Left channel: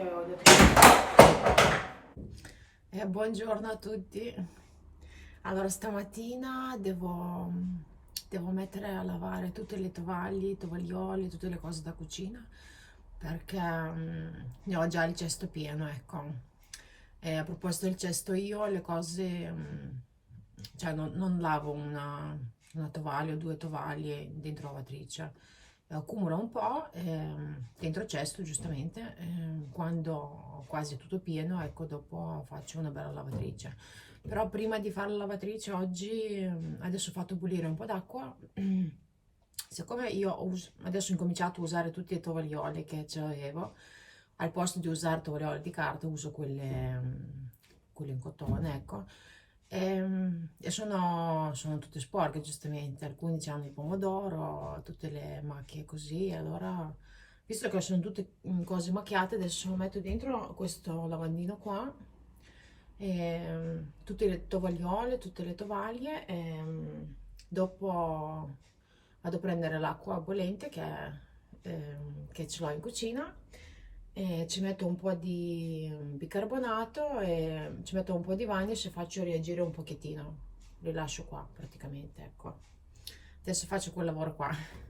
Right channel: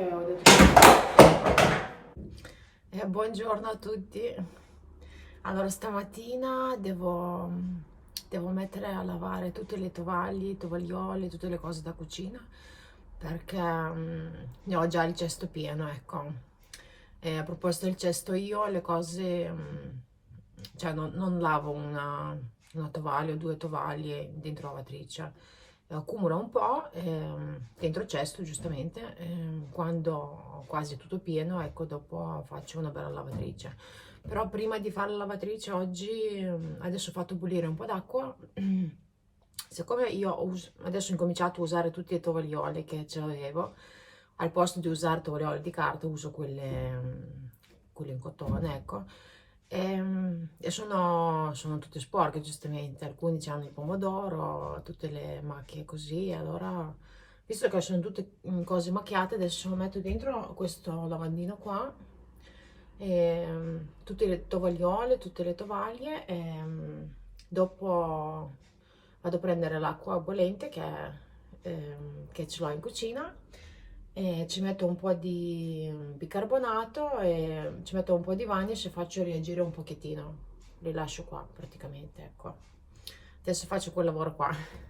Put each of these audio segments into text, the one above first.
che ho detto buongiorno a tutti. Allora stamattina devo mettere a lavare tutte le tovaglie, i tovaglioli, tutte le cose da cucina perché ne ho già il cesto pieno, ecco. E a proposito del cesto, io le cose, cioè non lavo una tovaglia o due tovaglie dentro la lavatrice, accumulo un po' dentro il cesto, giustamente, quando ho quasi tutto pieno, ecco, dopo faccio una bella lavatrice. Però prima di fare la lavatrice oggi, adesso ho fatto bollire un po' d'acqua. Siccome adesso ho incominciato a usare tutti i tovaglioli che ce l'avevo, al posto di usare tovaglioli di carta uso quelle in cotone, ecco. E sono tutte sporche, giustamente. Alcuni hanno il pomodoro, tutte le macchie così. Allora, visto che sono tutte cose macchiate, adesso metto dentro questo lavandino qua, tutte le tovagliole, tutte le tovaglie. Dopo vado a prendere l'acqua bollente che ce l'ho in cucina e ci metto un po' di bicarbonato e ci metto un po' di vanish e faccio reagire un pochettino, li lascio qua praticamente, ecco. Adesso faccio quel lavoro qua.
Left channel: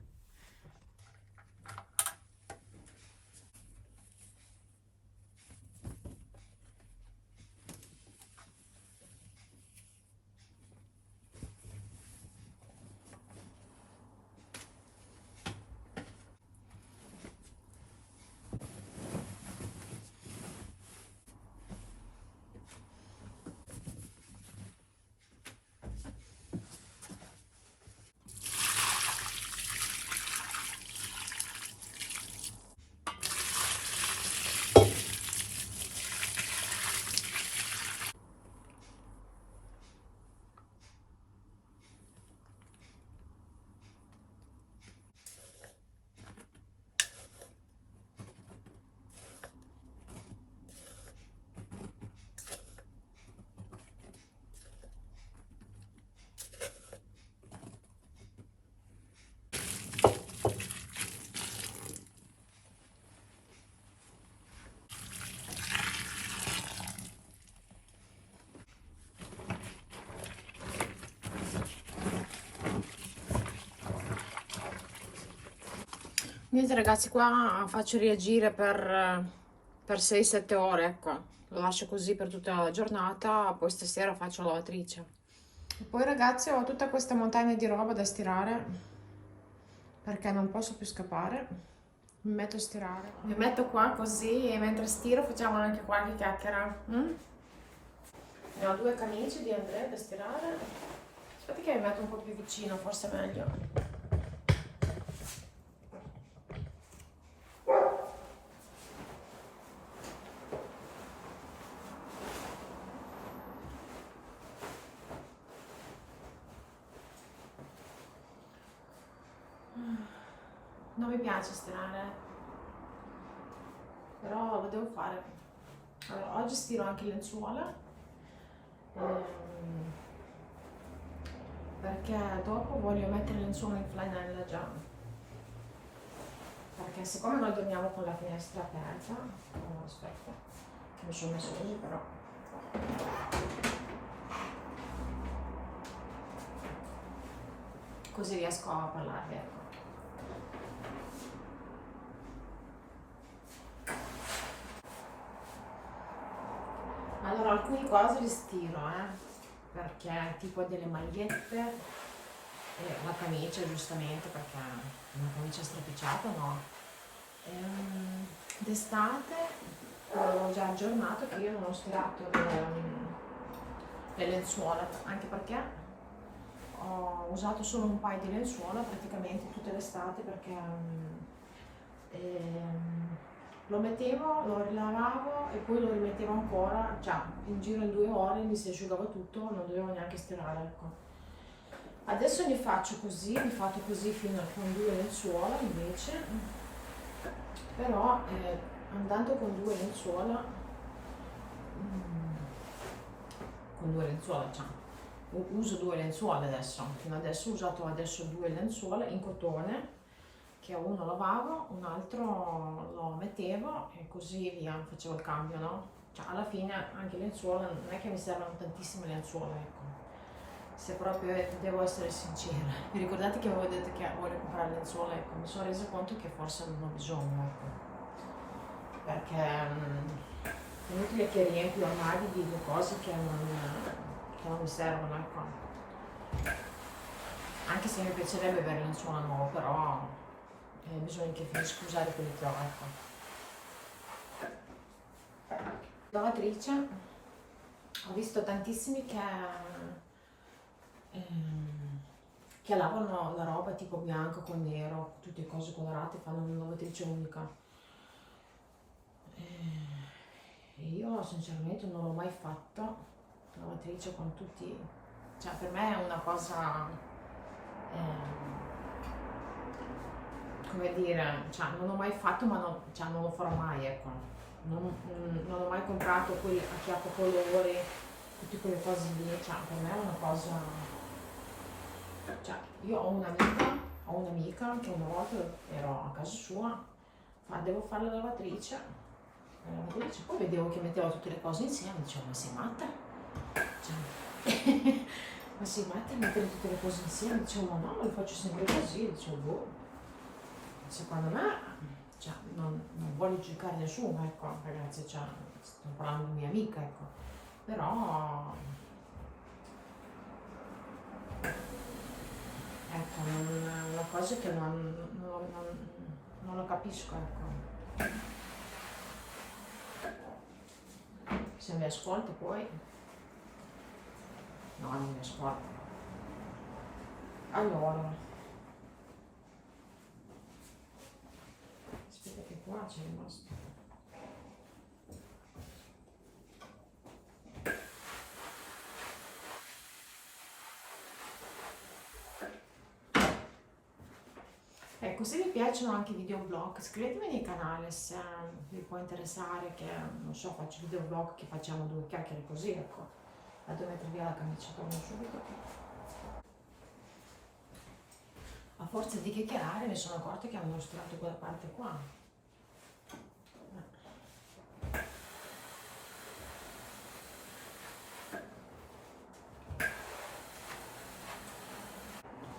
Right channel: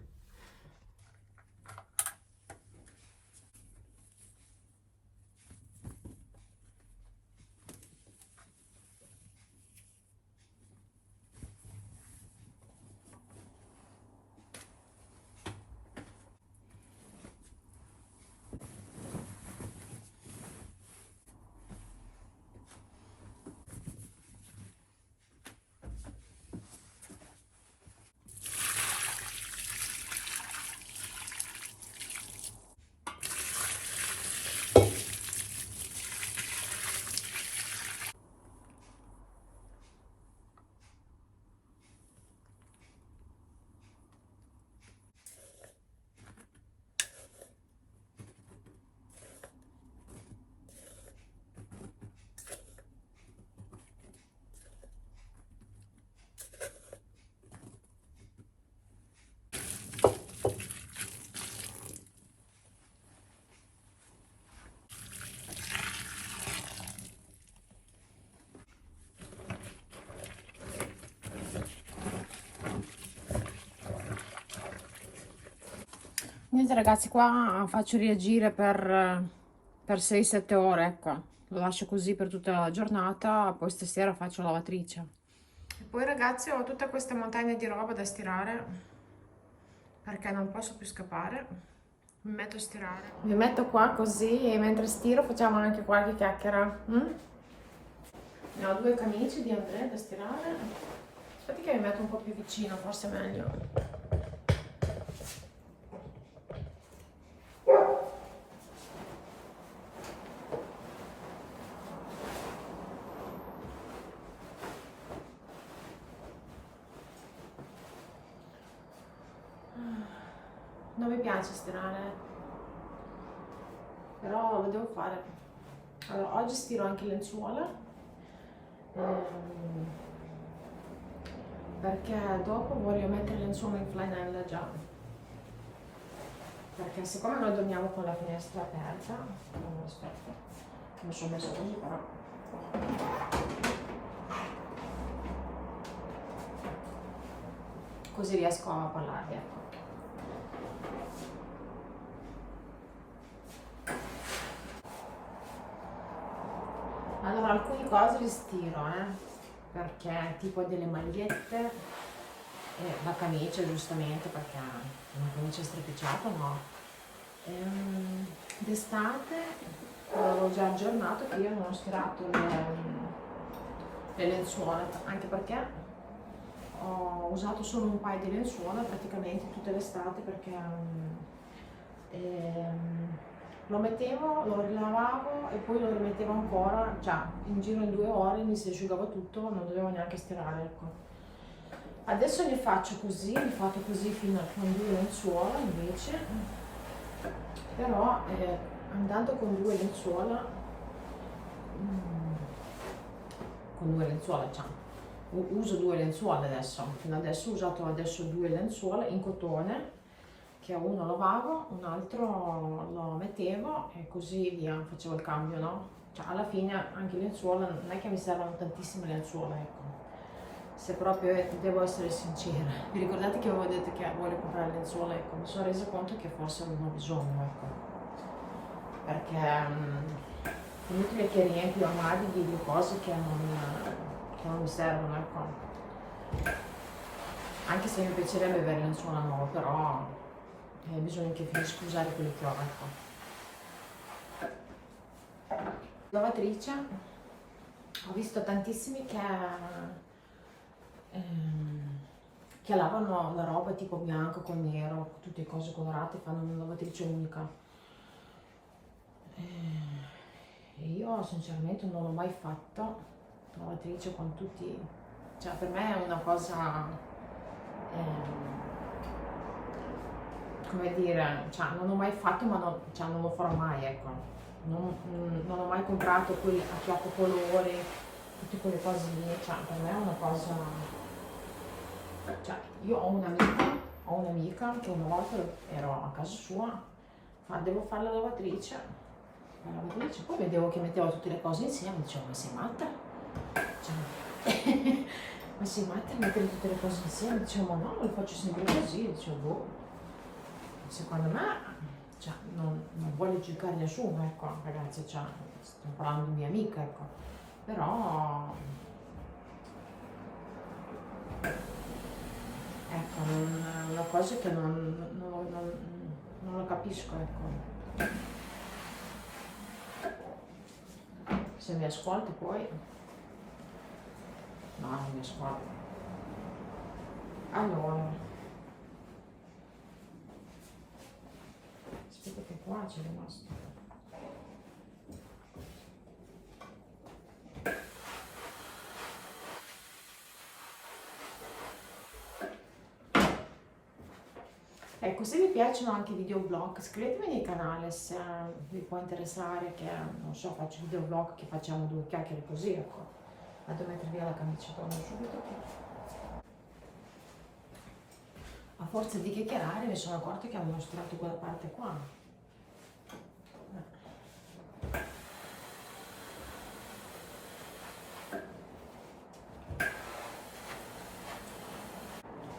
Niente ragazzi, qua faccio reagire per 6-7 ore, ecco. Lo lascio così per tutta la giornata, poi stasera faccio la lavatrice. E poi ragazzi ho tutta questa montagna di roba da stirare perché non posso più scappare. Mi metto a stirare. Mi metto qua così e mentre stiro facciamo anche qualche chiacchiera. Ne ho due camicie di Andrea da stirare. Aspetta che mi metto un po' più vicino, forse è meglio. Non mi piace stirare, però lo devo fare. Allora, oggi stiro anche lenzuola, perché dopo voglio mettere lenzuola in flanella già. Perché siccome noi dormiamo con la finestra aperta, aspetta, mi sono messo così però. Così riesco a parlarvi, ecco. Allora, alcune cose le stiro, perché tipo delle magliette, la camicia giustamente, perché una camicia stropicciata no. D'estate avevo già aggiornato che io non ho stirato le lenzuola, anche perché ho usato solo un paio di lenzuola praticamente tutta l'estate, perché lo mettevo, lo rilavavo e poi lo rimettevo ancora, cioè in giro in 2 ore mi si asciugava tutto, non dovevo neanche stirare, ecco. Adesso ne faccio così, ne faccio così fino con 2 lenzuola invece, però andando con 2 lenzuola, cioè, uso 2 lenzuola adesso, fino adesso ho usato 2 lenzuola in cotone, che uno lavavo, un altro lo mettevo e così via, facevo il cambio, no? Cioè alla fine anche le lenzuola, non è che mi servono tantissime lenzuola, ecco. Se proprio devo essere sincera. Vi ricordate che avevo detto che voglio comprare lenzuola? Ecco, mi sono resa conto che forse non ho bisogno, ecco. Perché è inutile che riempio armadi di cose che non mi servono, ecco. Anche se mi piacerebbe avere lenzuola nuova, però bisogna che finisco usare quelle che ho, ecco. Lavatrice, ho visto tantissimi che lavano la roba tipo bianco con nero, tutte cose colorate, fanno una lavatrice unica. Io sinceramente non l'ho mai fatto, lavatrice con tutti, cioè per me è una cosa, come dire, cioè non l'ho mai fatto ma cioè, non lo farò mai, ecco. Non ho mai comprato quei a chiappo colore, tutte quelle cose lì, cioè per me è una cosa, cioè io ho un'amica che una volta ero a casa sua, devo fare la lavatrice, poi vedevo che metteva tutte le cose insieme, dicevo ma sei matta? Cioè, ma sei matta a mettere tutte le cose insieme? Dicevo ma no, lo faccio sempre così, dicevo boh, secondo me, cioè, non voglio giudicare nessuno, ecco, ragazzi, cioè, sto parlando di mia amica, ecco, però, ecco, è una cosa che non lo capisco, ecco. Se mi ascolti poi, no, non mi ascolti. Allora, aspetta che qua c'è rimasto. Ecco, se vi piacciono anche i videoblog, iscrivetevi nel canale se vi può interessare, che non so, faccio videoblog che facciamo due chiacchiere così, ecco. Vado a mettere via la camicia, torno subito. A forza di chiacchierare mi sono accorta che avevo mostrato quella parte qua.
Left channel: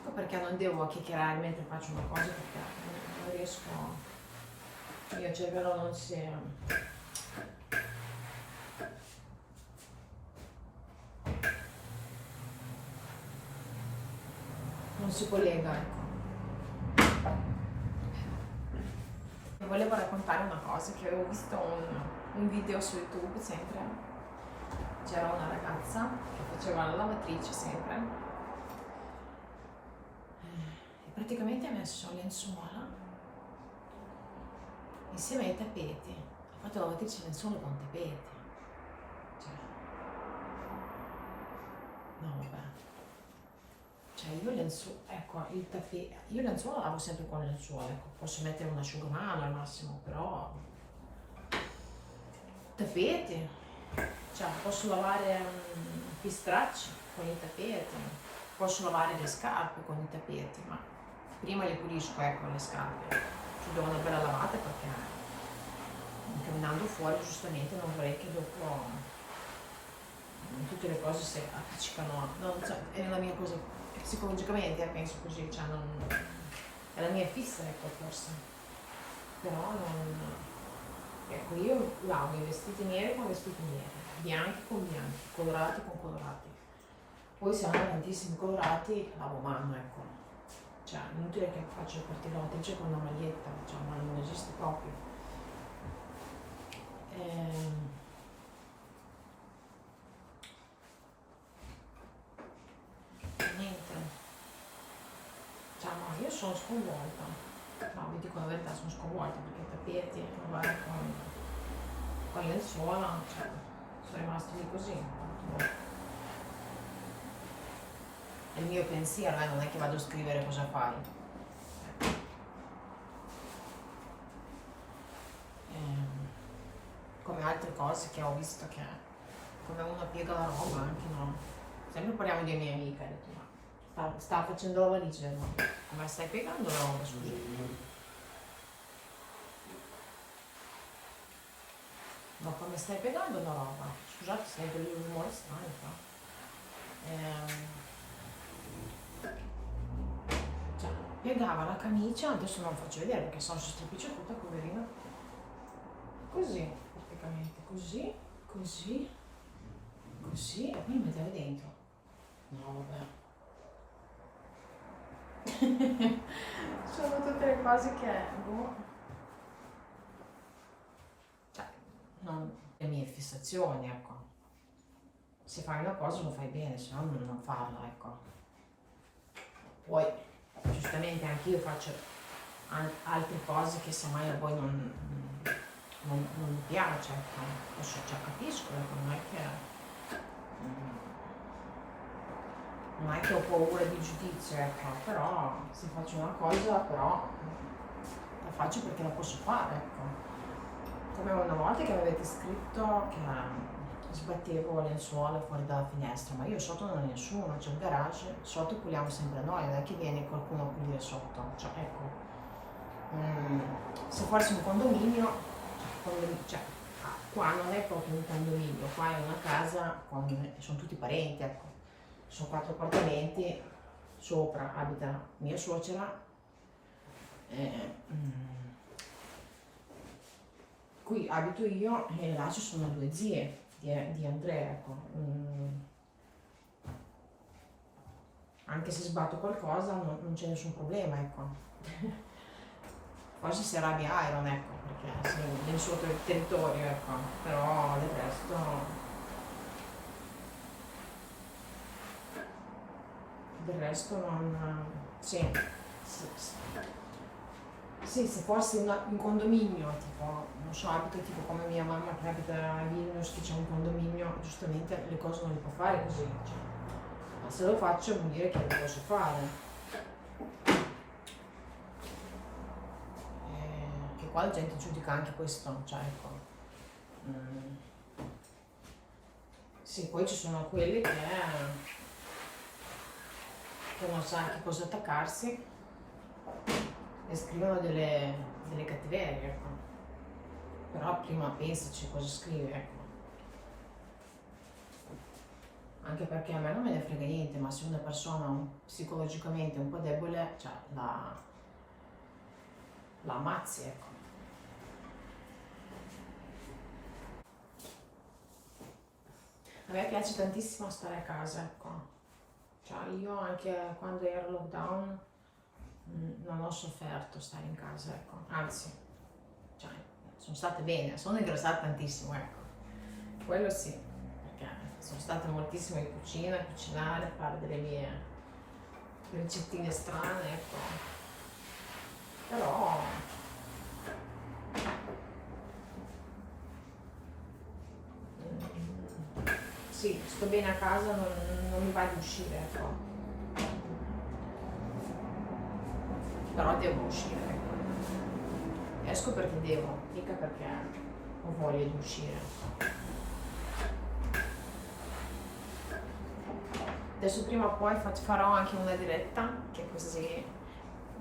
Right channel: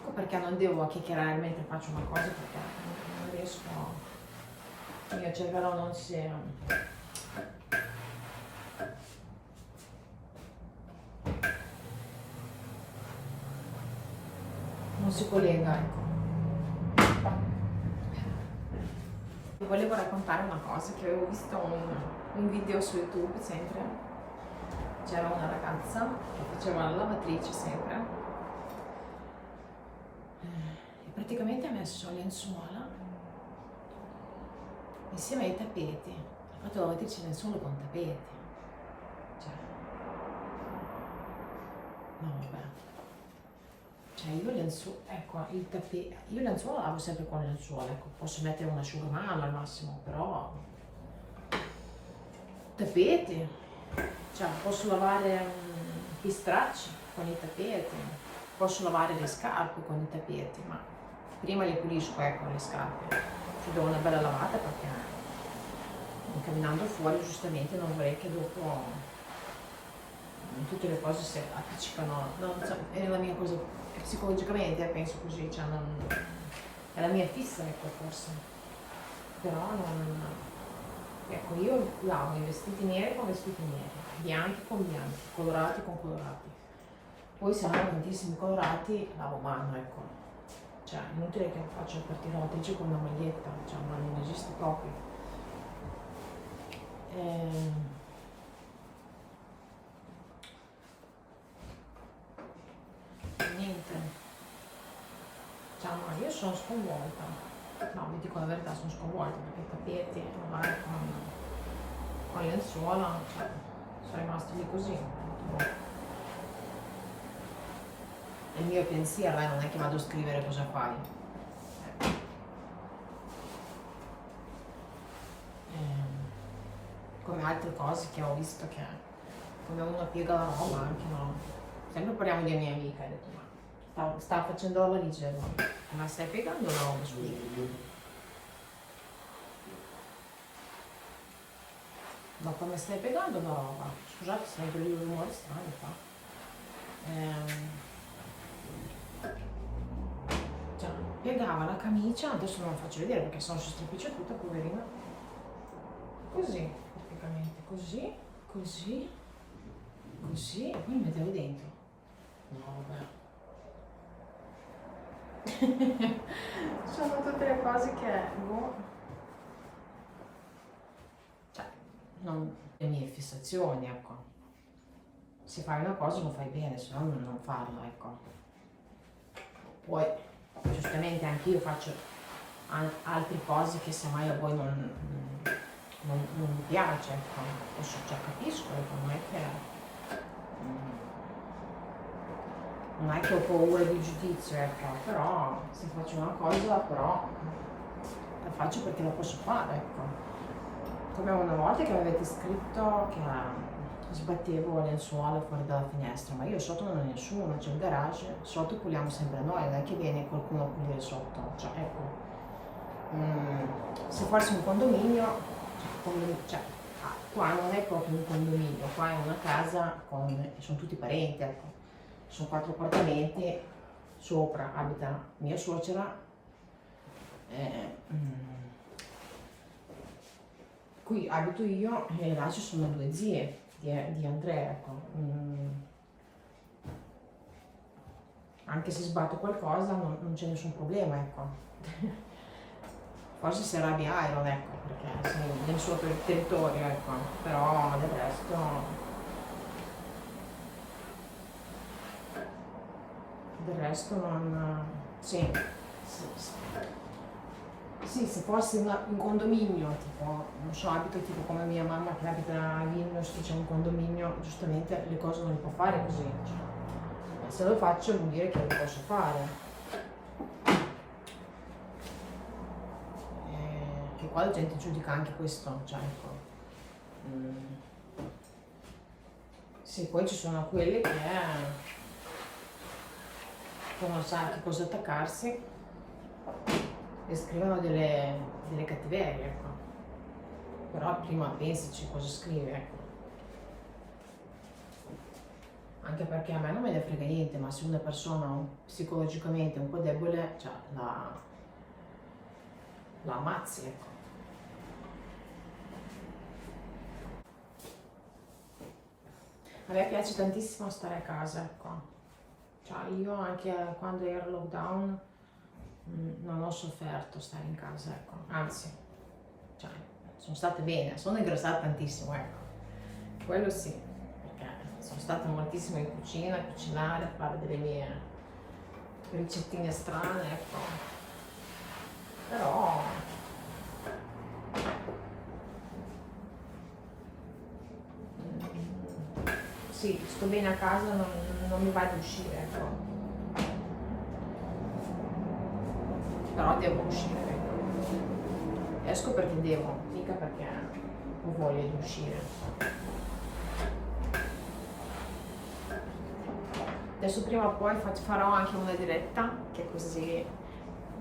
Ecco perché non devo chiacchierare mentre faccio una cosa, perché non riesco, il mio cervello non si collega, ecco. Volevo raccontare una cosa, che avevo visto un video su YouTube sempre, c'era una ragazza che faceva la lavatrice sempre e praticamente ha messo lenzuola insieme ai tappeti, ha fatto la lavatrice lenzuola con tappeti, cioè, no vabbè. Cioè io lenzuola, ecco, io lenzuola lavo sempre con lenzuola, ecco, posso mettere un asciugamano al massimo, però tappeti, cioè posso lavare gli stracci con i tappeti, posso lavare le scarpe con i tappeti, ma prima le pulisco, ecco, le scarpe, ci do una bella lavata perché camminando fuori giustamente non vorrei che dopo tutte le cose si appiccicano, non so, è la mia cosa. Psicologicamente penso così, cioè è la mia fissa, ecco, forse, però ecco, io lavo i vestiti neri con vestiti neri, bianchi con bianchi, colorati con colorati, poi se hanno tantissimi colorati lavo a mano, ecco, cioè è inutile che faccio la partita lavatrice con una maglietta, cioè ma non esiste proprio. Niente, cioè, ma io sono sconvolta, no, vi dico la verità, sono sconvolta perché i tappeti, lavare con lenzuola, cioè, sono rimasti lì così. È il mio pensiero, non è che vado a scrivere cosa fai. Come altre cose che ho visto che come uno piega la roba anche, no? Sempre parliamo di mia amica, ho detto ma sta facendo la valigia, no? Ma stai piegando la roba, scusa? come stai piegando la roba? Scusate sempre i rumori strani qua. Cioè, piegava la camicia, adesso non faccio vedere perché sono stropiccia tutta, poverina. Così, praticamente, così, così, così, e poi mi mettevo dentro. No, vabbè. Sono tutte le cose che boh. Cioè, non le mie fissazioni, ecco. Se fai una cosa lo fai bene, se no non farla, ecco. Poi giustamente anche io faccio altre cose che semmai a voi non mi piace, ecco. Adesso già capisco, ecco, non è che ho paura di giudizio, ecco, però se faccio una cosa però la faccio perché la posso fare, ecco. Come una volta che mi avete scritto che sbattevo le lenzuola fuori dalla finestra, ma io sotto non ho nessuno, c'è un garage, sotto puliamo sempre noi, non è che viene qualcuno a pulire sotto, cioè ecco, se fosse un condominio, cioè, qua non è proprio un condominio, qua è una casa, sono tutti parenti, ecco. Sono 4 appartamenti, sopra abita mia suocera, qui abito io e là ci sono 2 zie di Andrea, ecco. Anche se sbatto qualcosa non c'è nessun problema, ecco. Forse si arrabbia Iron, ecco, perché sì, nel suo territorio, ecco, però del resto non... Sì, sì, se fosse un condominio, tipo, non so, abito tipo come mia mamma che abita a Vilnius, che c'è un condominio, giustamente le cose non le può fare così, cioè. Ma se lo faccio vuol dire che le posso fare. Che qua la gente giudica anche questo, cioè ecco. Sì, poi ci sono quelli che non sa che cosa attaccarsi e scrivono delle cattiverie, ecco. Però prima pensaci cosa scrivi, ecco. Anche perché a me non me ne frega niente, ma se una persona psicologicamente un po' debole, cioè la ammazzi, ecco. A me piace tantissimo stare a casa, ecco. Cioè io anche quando ero lockdown non ho sofferto stare in casa, ecco. Anzi, cioè, sono stata bene, sono ingrassata tantissimo, ecco. Quello sì, perché sono stata moltissimo in cucina, a cucinare, a fare delle mie ricettine strane, ecco. Però sì, sto bene a casa, non mi va di uscire, ecco. Però devo uscire, ecco. Esco perché devo, mica perché ho voglia di uscire. Adesso prima o poi farò anche una diretta, che così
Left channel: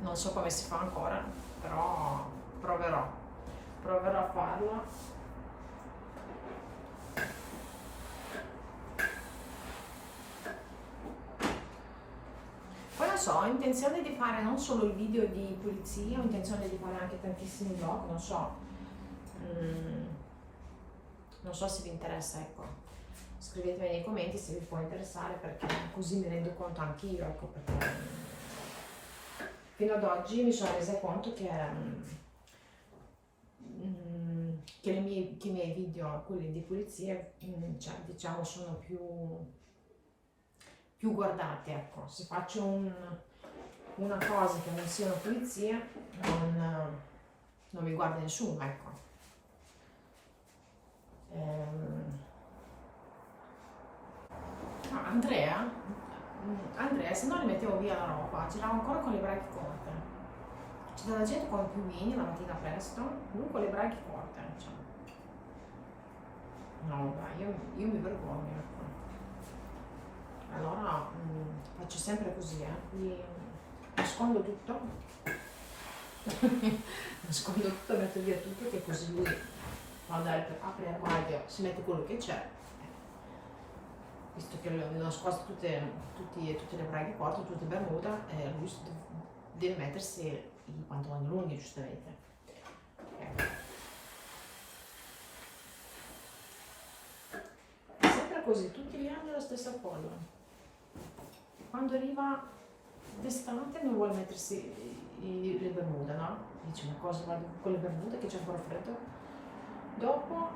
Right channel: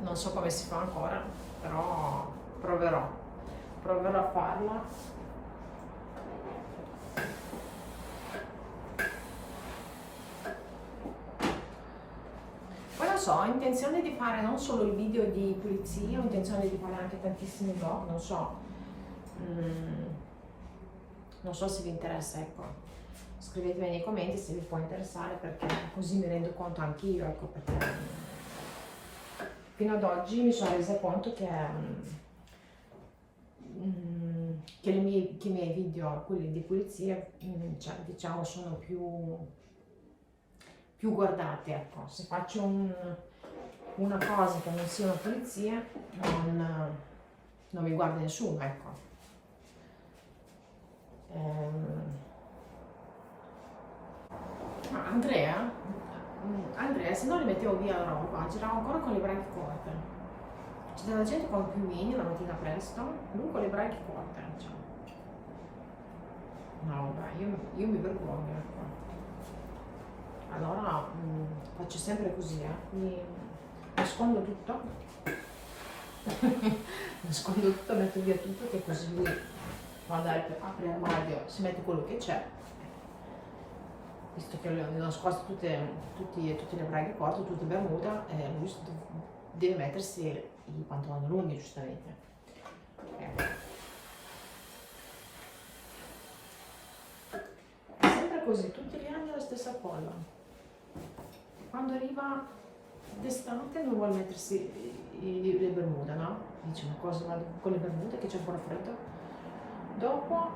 non so come si fa ancora, però proverò a farla. Poi non so, ho intenzione di fare non solo il video di pulizia, ho intenzione di fare anche tantissimi vlog, non so. Non so se vi interessa, ecco. Scrivetemi nei commenti se vi può interessare, perché così mi rendo conto anch'io, ecco, perché fino ad oggi mi sono resa conto che i miei video, quelli di pulizia, cioè, diciamo, sono più guardati, ecco. Se faccio una cosa che non sia una pulizia, non mi guarda nessuno, ecco. Andrea, se non li mettevo via la roba, girava ancora con le braccia corte. C'è della gente con piumini la mattina presto, lui con le braccia corte, cioè. No, vabbè, io mi vergogno, ecco. Allora faccio sempre così, mi nascondo tutto, nascondo tutto, metto via tutto, che così lui quando apri l'armadio si mette quello che c'è, visto che le ho nascoste tutte le braghe corte, tutte bermuda, lui deve mettersi i pantaloni lunghi, giustamente. È sempre così, tutti gli anni la stessa cosa. Quando arriva d'estate non vuole mettersi le bermuda, no? Dice, ma cosa vado con le bermude che c'è ancora freddo? Dopo,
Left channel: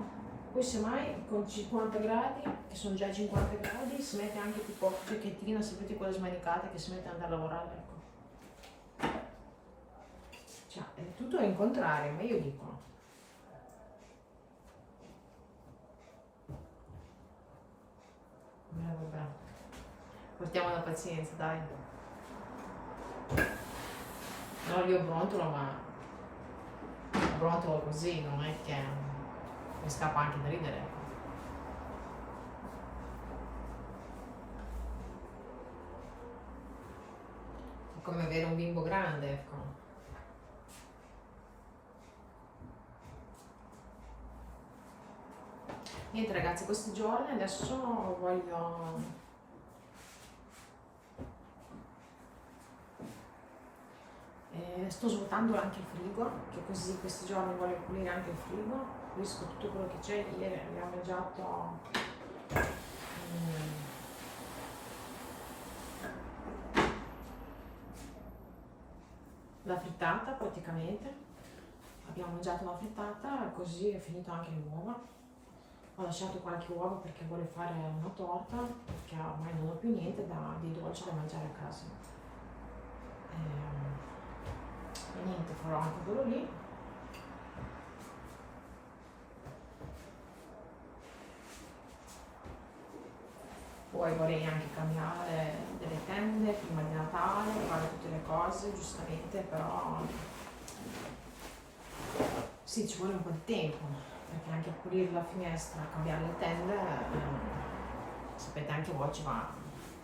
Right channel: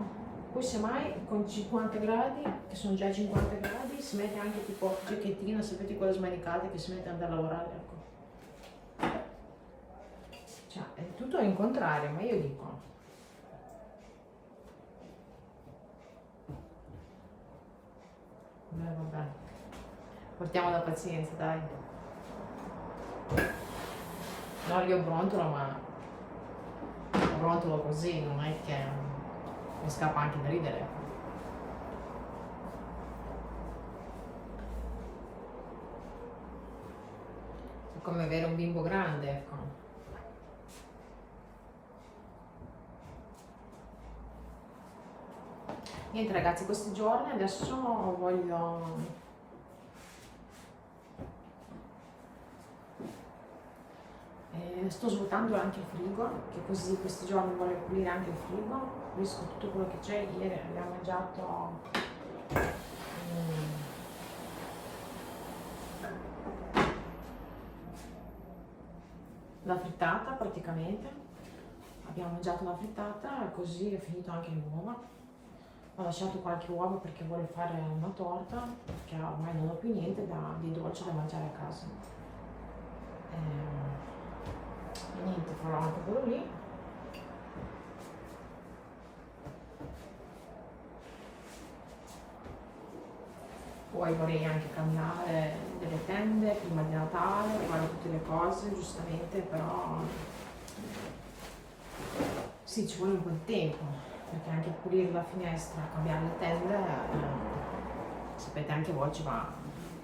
poi semmai con 50 gradi, che sono già 50 gradi, si mette anche tipo giacchettina, sapete quelle smanicate che si mette ad andare a lavorare, ecco. Cioè, è tutto in contrario, ma io dico. Vabbè, portiamo la pazienza, dai. No, io brontolo, ma brontolo così, non è che mi scappa anche da ridere, ecco. È come avere un bimbo grande, ecco. Niente ragazzi, questi giorni adesso voglio sto svuotando anche il frigo, che così questi giorni voglio pulire anche il frigo, pulisco tutto quello che c'è. Ieri abbiamo mangiato la frittata praticamente, abbiamo mangiato una frittata, così è finito anche l'uovo. Ho lasciato qualche uovo perché volevo fare una torta, perché ormai non ho più niente di dolce da mangiare a casa. E niente, farò anche quello lì. Poi vorrei anche cambiare delle tende prima di Natale, fare tutte le cose, giustamente, però sì, ci vuole un po' di tempo, perché anche pulire la finestra, cambiare le tende, sapete anche voi ci va,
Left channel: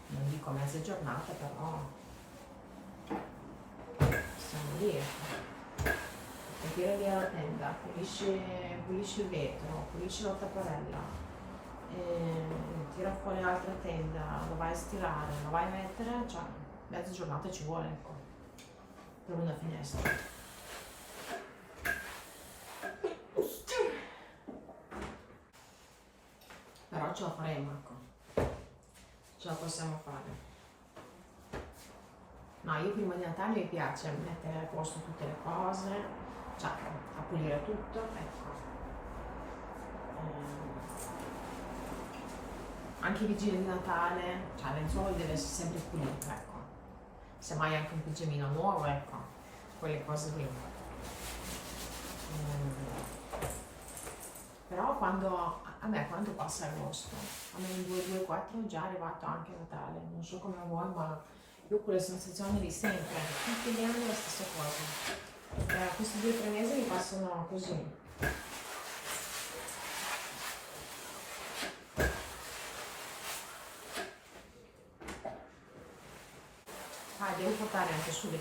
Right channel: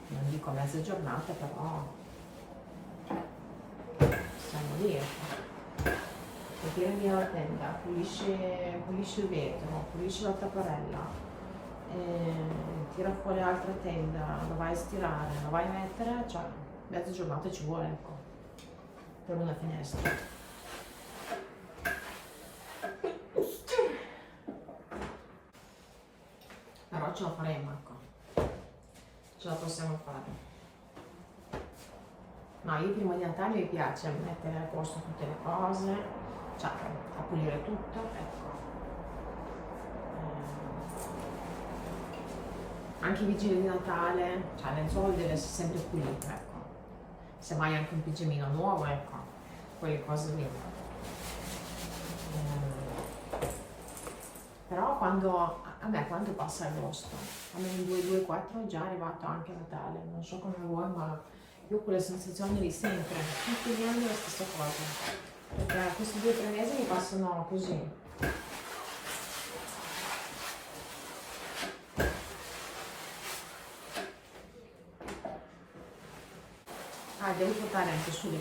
non dico mezza giornata, però siamo lì, ecco. E tira via la tenda, pulisci il vetro, pulisci la tapparella, tira fuori l'altra tenda, la vai a stirare, la vai a mettere, cioè mezza giornata ci vuole, ecco, per una finestra. Però ce la faremo, ecco, ce la possiamo fare. No, io prima di Natale mi piace mettere a posto tutte le cose, cioè a pulire tutto, ecco. Anche i vigili di Natale, cioè il lenzuolo deve essere sempre pulito, ecco. Semmai anche un pigiamino nuovo, ecco, quelle cose lì. Però quando passa agosto, a me il 2-2-4 è già arrivato anche Natale, non so come voi, ma io ho quelle sensazioni lì sempre, tutti gli anni la stessa cosa, perché questi 2-3 mesi mi passano così. Devo portare anche su le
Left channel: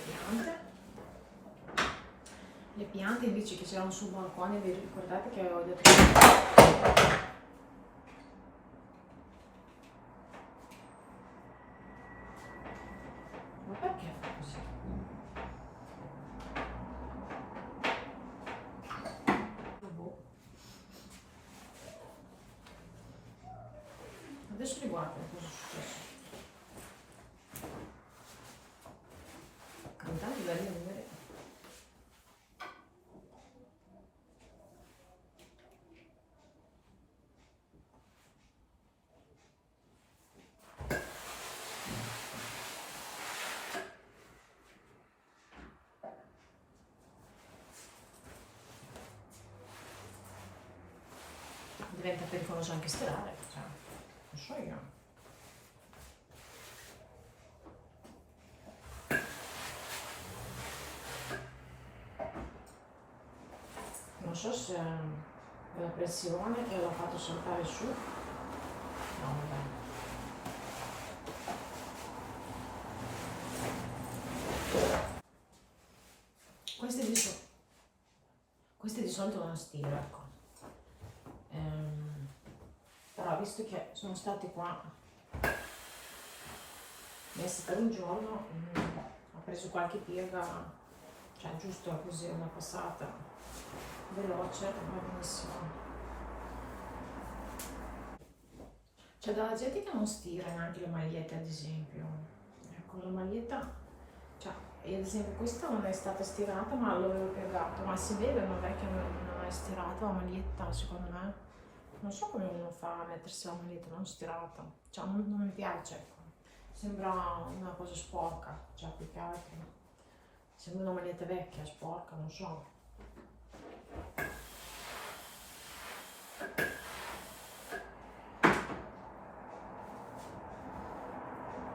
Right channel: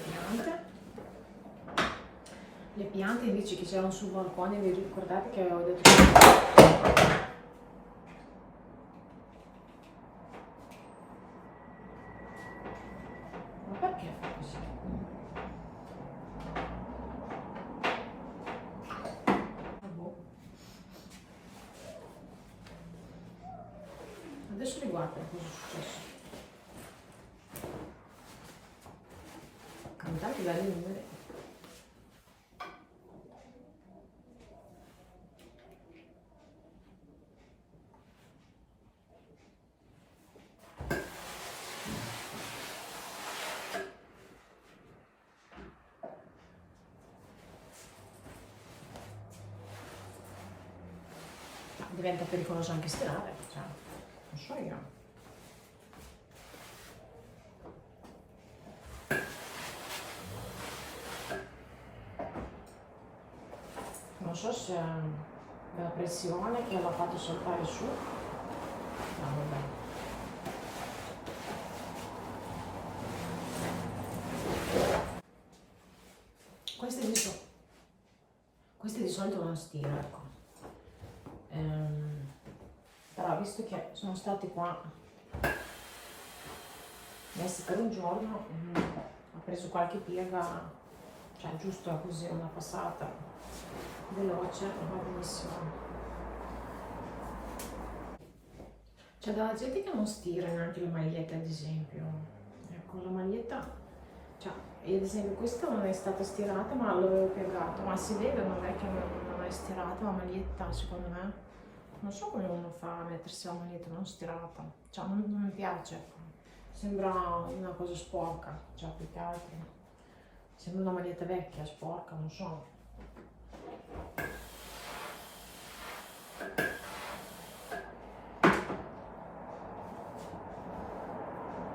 piante invece che c'erano sul balcone, vi ricordate che avevo detto che... Ma perché fa così? Adesso riguardo cosa è successo. Intanto belli numeri. Diventa pericoloso anche stirare, cioè, non so io. Non so se è la pressione che l'ha fatto saltare su. No, vabbè. Questi di solito non stiro, ecco. Però visto che sono stati qua messi per un giorno, ho preso qualche piega, cioè giusto così una passata veloce, va benissimo. C'è della gente che non stira neanche le magliette, ad esempio. Ecco, la maglietta, cioè, io ad esempio questa non è stata stirata ma l'avevo piegato, ma si vede non è che non è stirata la maglietta, secondo me. Non so come uno fa a mettersi la maglietta non stirata, cioè non mi piace, ecco. Sembra una cosa sporca, cioè più che altro. Sembra una maglietta vecchia, sporca, non so.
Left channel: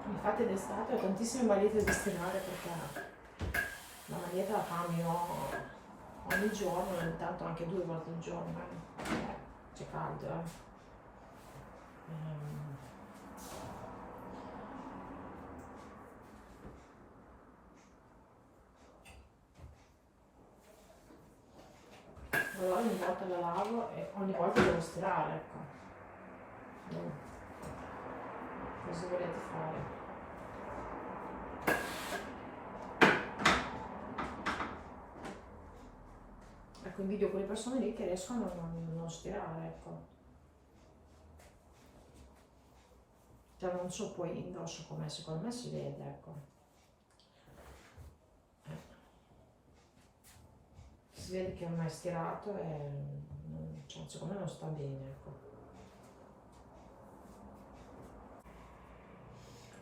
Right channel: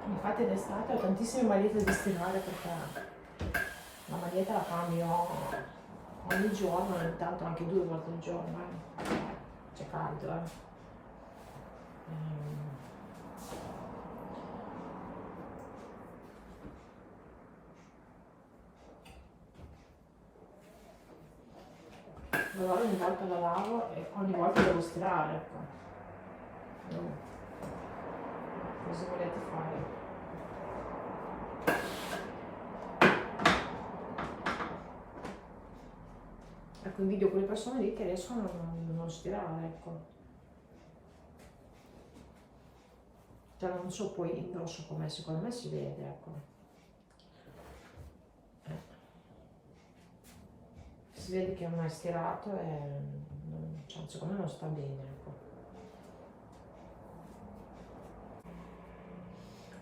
Infatti d'estate ho tantissime magliette da stirare perché la maglietta la cambio ogni giorno, ogni tanto anche 2 volte al giorno, c'è caldo, Allora ogni volta la lavo e ogni volta devo stirare, ecco. Cosa volete fare? Ecco, invidio quelle persone lì che riescono a non stirare, ecco. Cioè non so poi indosso com'è, secondo me si vede, ecco. Si vede che non è stirato e cioè, secondo me non sta bene, ecco.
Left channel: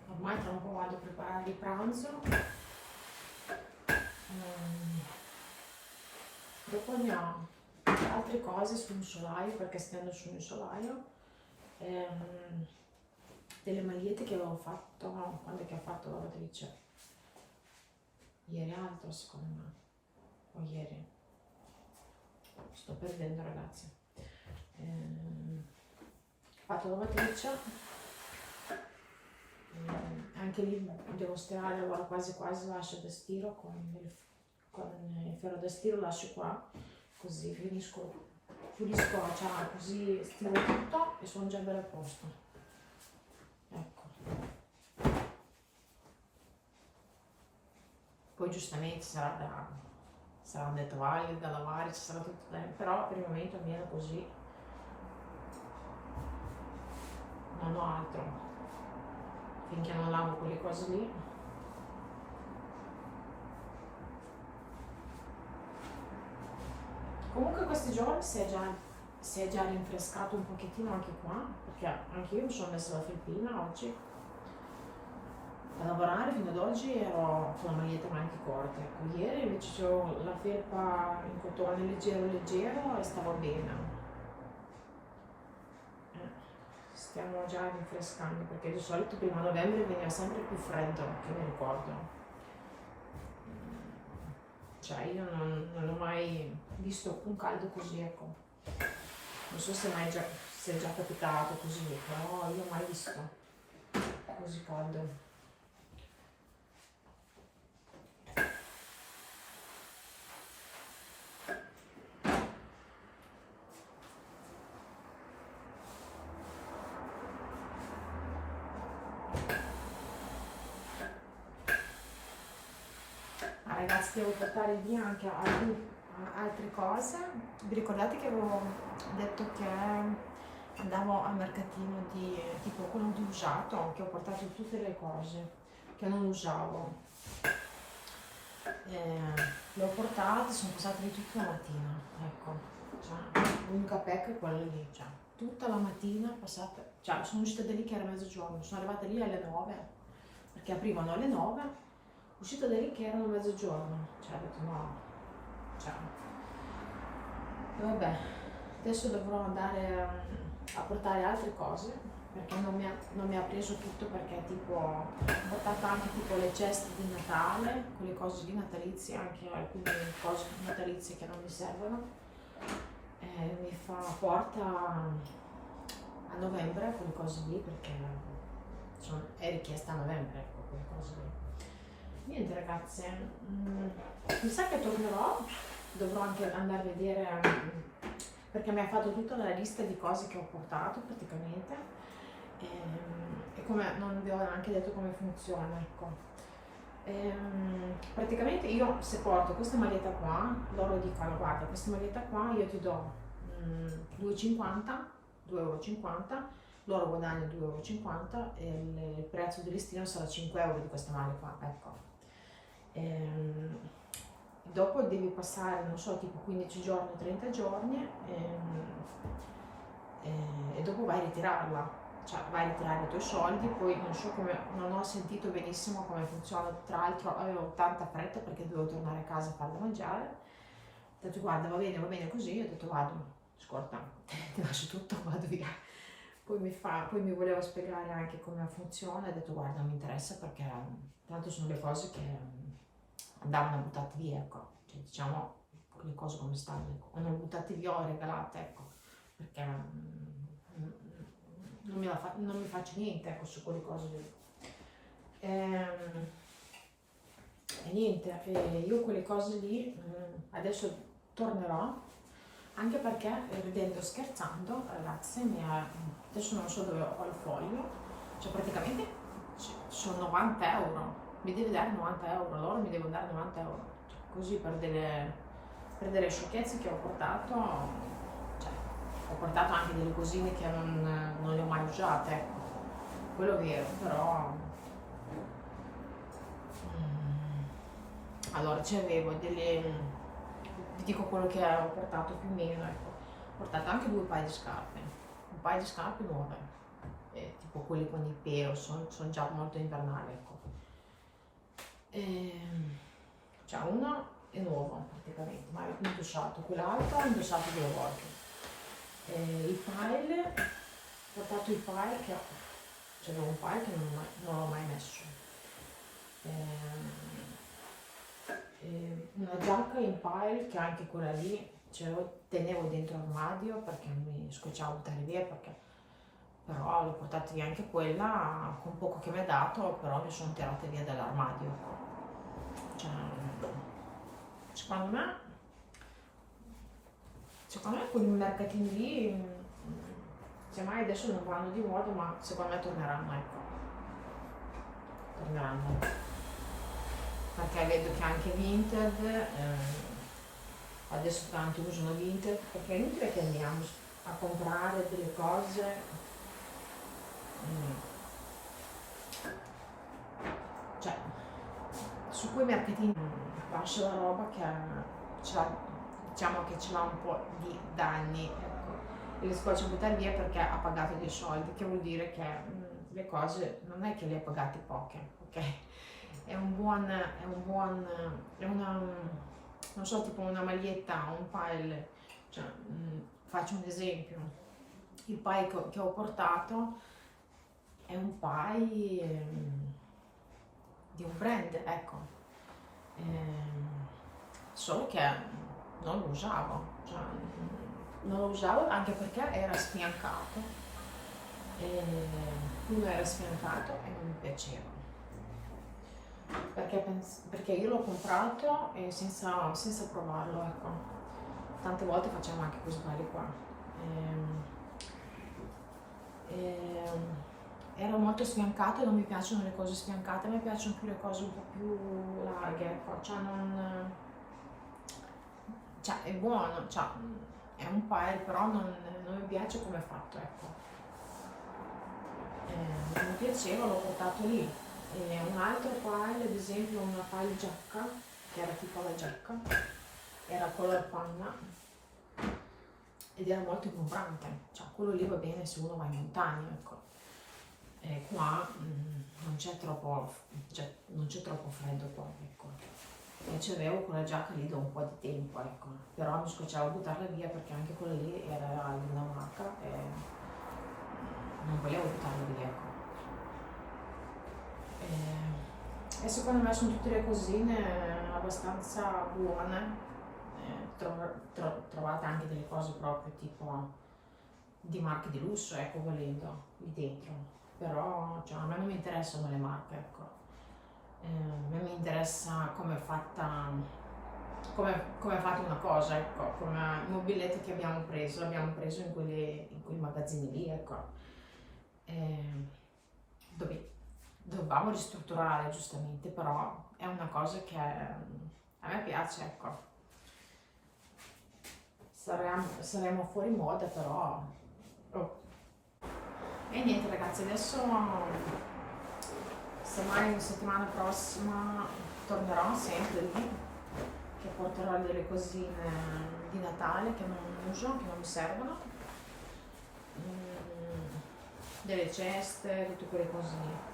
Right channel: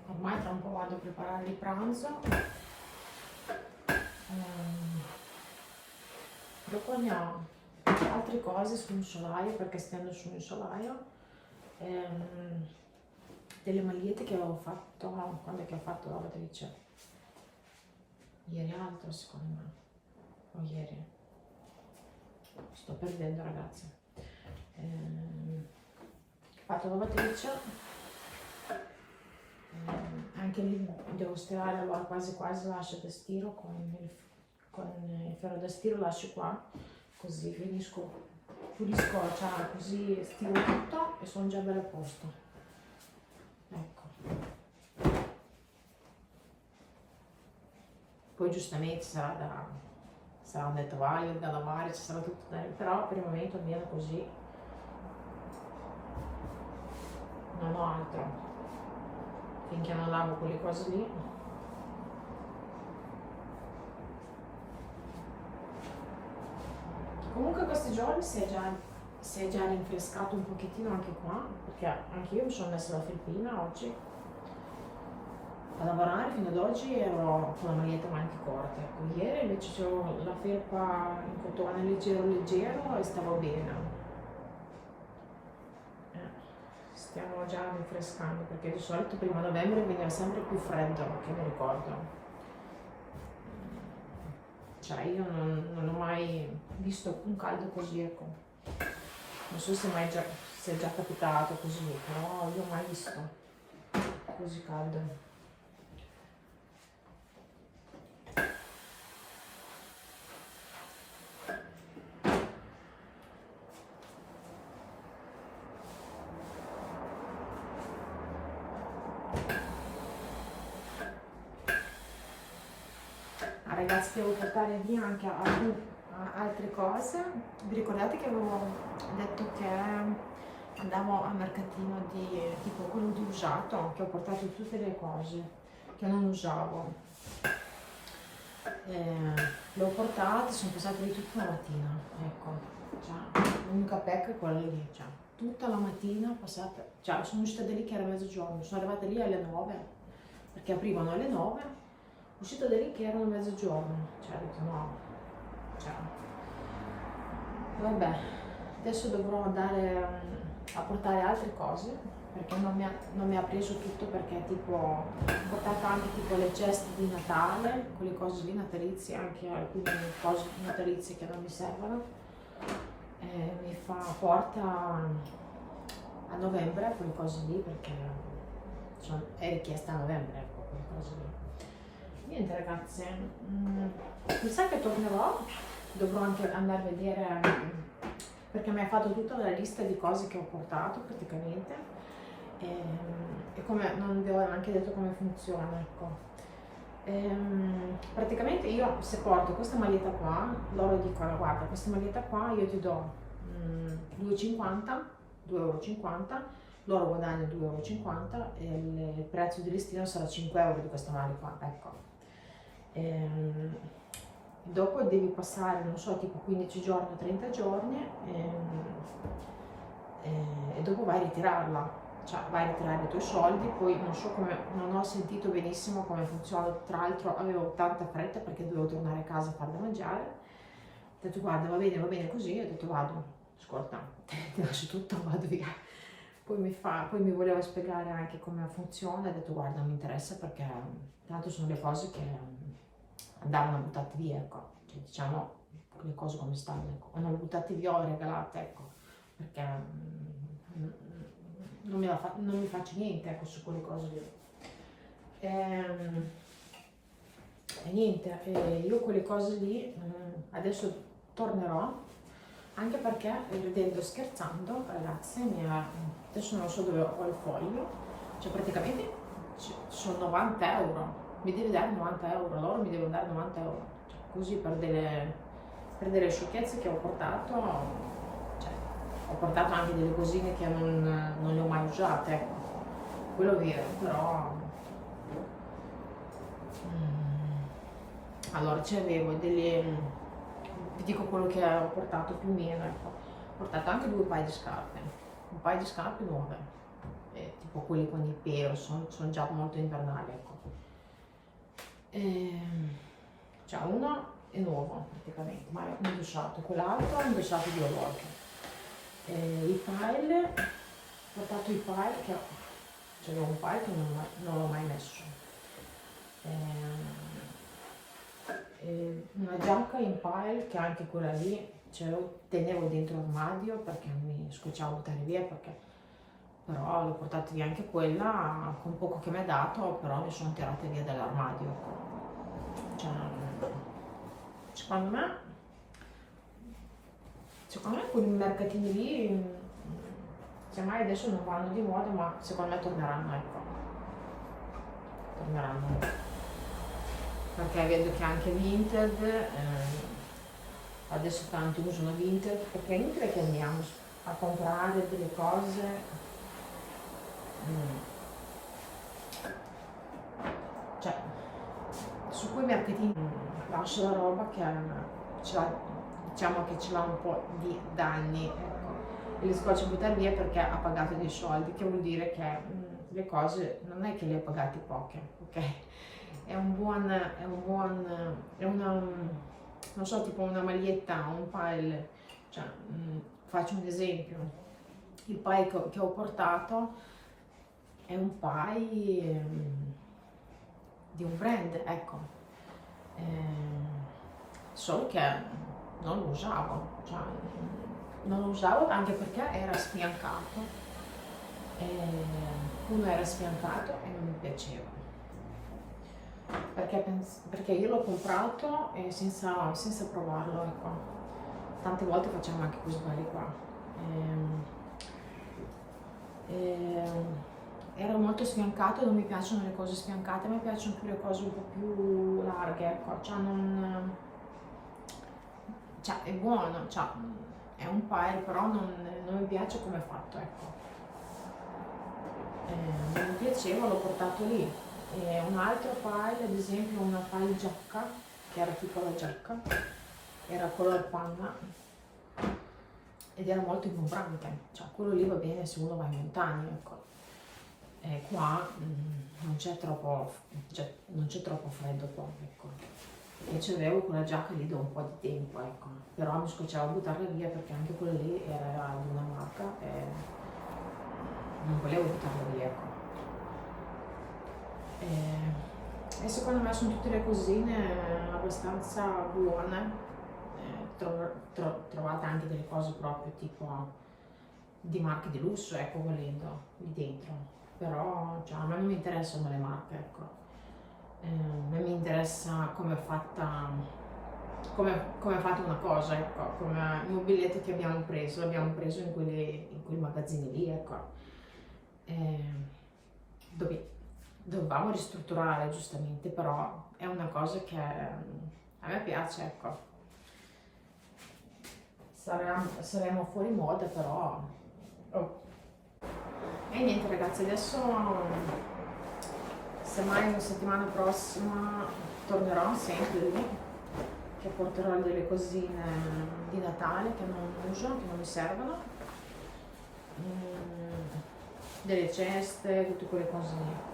Ormai tra un po' vado a preparare il pranzo. Dopo ne ho altre cose sul solaio perché stendo sul solaio. Delle magliette che avevo fatto quando è che ho fatto la lavatrice? Ieri altro secondo me. O ieri. Sto perdendo ragazzi. Ho fatto la lavatrice. Anche lì devo stirare, allora quasi quasi lascio da stiro con il ferro da stiro, lascio qua, così pulisco, cioè così stiro tutto e sono già belle a posto. Ecco. Poi giustamente saranno le tovaglie da lavare, ci sarà tutto da però per il momento almeno così non ho altro. Finché non lavo quelle cose lì. Comunque questi giorni si è già rinfrescato un pochettino anche qua, perché anche io mi sono messa la felpina oggi a lavorare. Fino ad oggi ero con la maglietta maniche corte, ecco. Ieri invece ho la felpa in cotone leggero leggero e stavo bene. Stiamo già rinfrescando perché di solito prima novembre veniva sempre più freddo, che mi ricordo. Cioè io non ho mai visto un caldo così, ecco. Non so se è già capitato così, però io ho mai visto così caldo. Ragazzi, devo portare via anche altre cose. Vi ricordate che avevo detto che andavo al mercatino di tipo quello di usato, che ho portato tutte le cose che non usavo. Le ho portate, sono passate lì tutta la mattina, ecco. Cioè, l'unica pecca è quella lì, cioè, tutta la mattina passata, cioè sono uscita da lì che era mezzogiorno, sono arrivata lì alle 9, perché aprivano alle 9. Uscita da lì che erano mezzogiorno, cioè ho detto no, cioè, vabbè, adesso dovrò andare a portare altre cose perché non mi ha preso tutto, perché tipo ho portato anche tipo le ceste di Natale, quelle cose lì natalizie, anche alcune cose natalizie che non mi servono, mi porta a novembre quelle cose lì perché è richiesta a novembre, ecco, quelle cose lì. Niente ragazze, mi sa che tornerò, dovrò anche andare a vedere perché mi ha fatto tutta la lista di cose che ho portato praticamente, e come non vi ho neanche detto come funziona, ecco. Praticamente io, se porto questa maglietta qua, loro dicono guarda, questa maglietta qua io ti do 2,50 2,50 €, loro guadagnano 2,50 € e il prezzo di listino sarà 5 € di questa maglia qua, ecco. Dopo devi passare, non so, tipo 15 giorni o 30 giorni, e dopo vai a ritirarla, cioè vai a ritirare i tuoi soldi. Poi non so come, non ho sentito benissimo come funziona, tra l'altro avevo tanta fretta perché dovevo tornare a casa a fare da mangiare. Ho detto guarda, va bene così, ho detto vado, ascolta, ti lascio tutto, vado via. Poi mi voleva spiegare anche come funziona, ho detto guarda, non mi interessa perché tanto sono le cose che andavano buttate via, ecco, cioè diciamo le cose come stanno, ecco, o non buttate via o regalate, ecco, perché non mi faccio niente, ecco, su quelle cose lì. E niente, io quelle cose lì adesso tornerò, anche perché ridendo e scherzando, ragazzi, adesso non so dove ho il foglio, cioè praticamente sono 90 €, mi deve dare 90 €, loro mi devono dare 90 €, cioè, così per delle sciocchezze che ho portato, cioè, ho portato anche delle cosine che non le ho mai usate, ecco, quello è vero, però allora c'avevo delle, vi dico quello che ho portato più o meno, ecco. Ho portato anche 2 paia di scarpe, un paio di scarpe nuove, tipo quelle con il pelo, sono già molto invernali, ecco. Cioè uno è nuovo praticamente, ma è indossato, quell'altro è indossato 2 volte. I pile, ho portato i pile che cioè un pile che non l'ho mai messo. Una giacca in pile che anche quella lì ce lo tenevo dentro l'armadio perché mi scocciava buttare via, perché però l'ho portata via anche quella con poco che mi ha dato, però mi sono tirate via dall'armadio, ecco. Cioè, secondo me quei mercatini lì, semmai adesso non vanno di moda, ma secondo me torneranno, ecco. Torneranno. Perché vedo che anche Vinted, adesso tanti usano Vinted, perché è inutile che andiamo a comprare delle cose, cioè su quei mercatini lascio la roba che diciamo che ce l'ha un po' di danni, ecco, e li scoccio a buttare via perché ha pagato dei soldi, che vuol dire che le cose non è che le ha pagate poche, ok? È una, non so, tipo una maglietta, un pile, cioè, faccio un esempio, il pile che ho portato è un pile di un brand, ecco, solo che non lo usavo, cioè, non lo usavo anche perché era sfiancato, uno era sfiancato e non mi piaceva. Perché io l'ho comprato senza provarlo, ecco. Tante volte facciamo anche questi sbagli qua. Era molto sfiancato, non mi piacciono le cose sfiancate, a me piacciono più le cose un po' più larghe, ecco. Cioè è buono, cioè, è un pile, però non mi piace come è fatto, ecco. Non mi piaceva, l'ho portato lì. Un altro pile, ad esempio una pile giacca, che era tipo la giacca, era color panna ed era molto ingombrante, cioè quello lì va bene se uno va in montagna, ecco. Qua non c'è troppo freddo qua, ecco. E c'avevo quella giacca lì da un po' di tempo, ecco, però mi scocciavo a buttarla via perché anche quella lì era di una marca e non volevo buttarla via, ecco. E secondo me sono tutte le cosine abbastanza buone. Trovate anche delle cose proprio tipo di marche di lusso, ecco, volendo lì dentro, però cioè, a me non mi interessano le marche, ecco. A me mi interessa come è fatta come fate una cosa, ecco, come il mobiletto che l'abbiamo preso in quei magazzini lì, ecco. Dovevamo ristrutturare giustamente, però è una cosa che a me piace, ecco. Saremo fuori moda, però... Oh. E niente ragazzi, adesso semmai la settimana prossima tornerò sempre lì, che porterò delle cosine di Natale che non uso, che non mi servono, delle ceste, tutte quelle cose lì, ecco.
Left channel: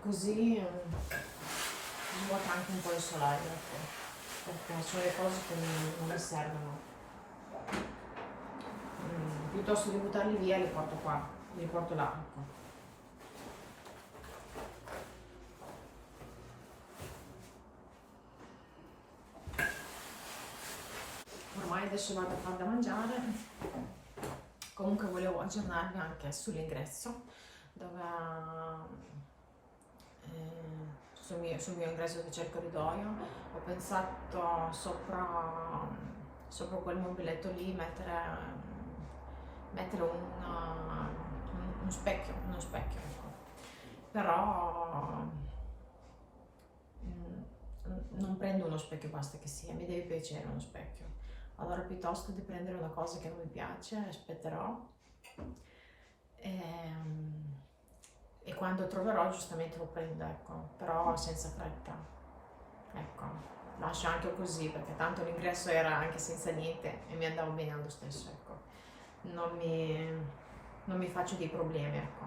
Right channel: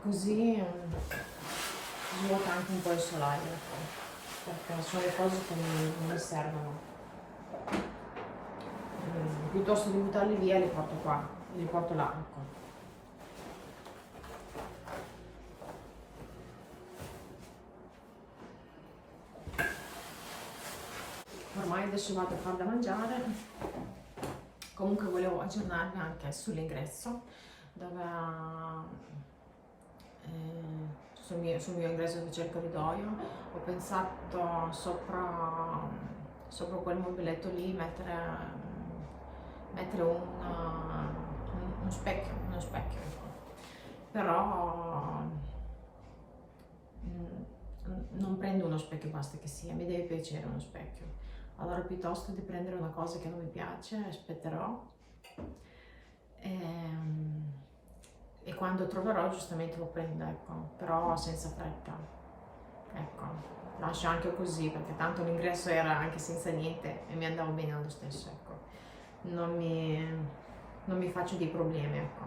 Così svuota anche un po' il solaio, ecco, perché sono le cose che non mi servono. Piuttosto di buttarli via li porto qua, li porto là, ecco. Ormai adesso vado a far da mangiare. Comunque volevo aggiornarvi anche sull'ingresso, dove sul mio ingresso dove c'è il corridoio ho pensato sopra quel mobiletto lì mettere uno specchio, ecco. Però non prendo uno specchio, basta che sia, mi deve piacere uno specchio. Allora piuttosto di prendere una cosa che non mi piace, aspetterò e quando troverò giustamente lo prendo, ecco, però senza fretta, ecco, lascio anche così perché tanto l'ingresso era anche senza niente e mi andavo bene allo stesso, ecco, non mi faccio dei problemi, ecco.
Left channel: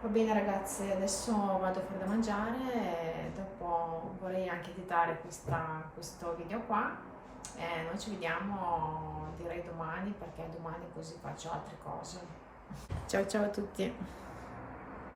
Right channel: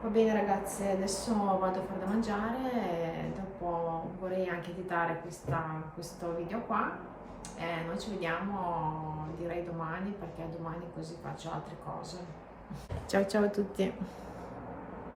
Va bene ragazzi, adesso vado a fare da mangiare e dopo vorrei anche editare questo video qua. Noi ci vediamo direi domani, perché domani così faccio altre cose. Ciao ciao a tutti.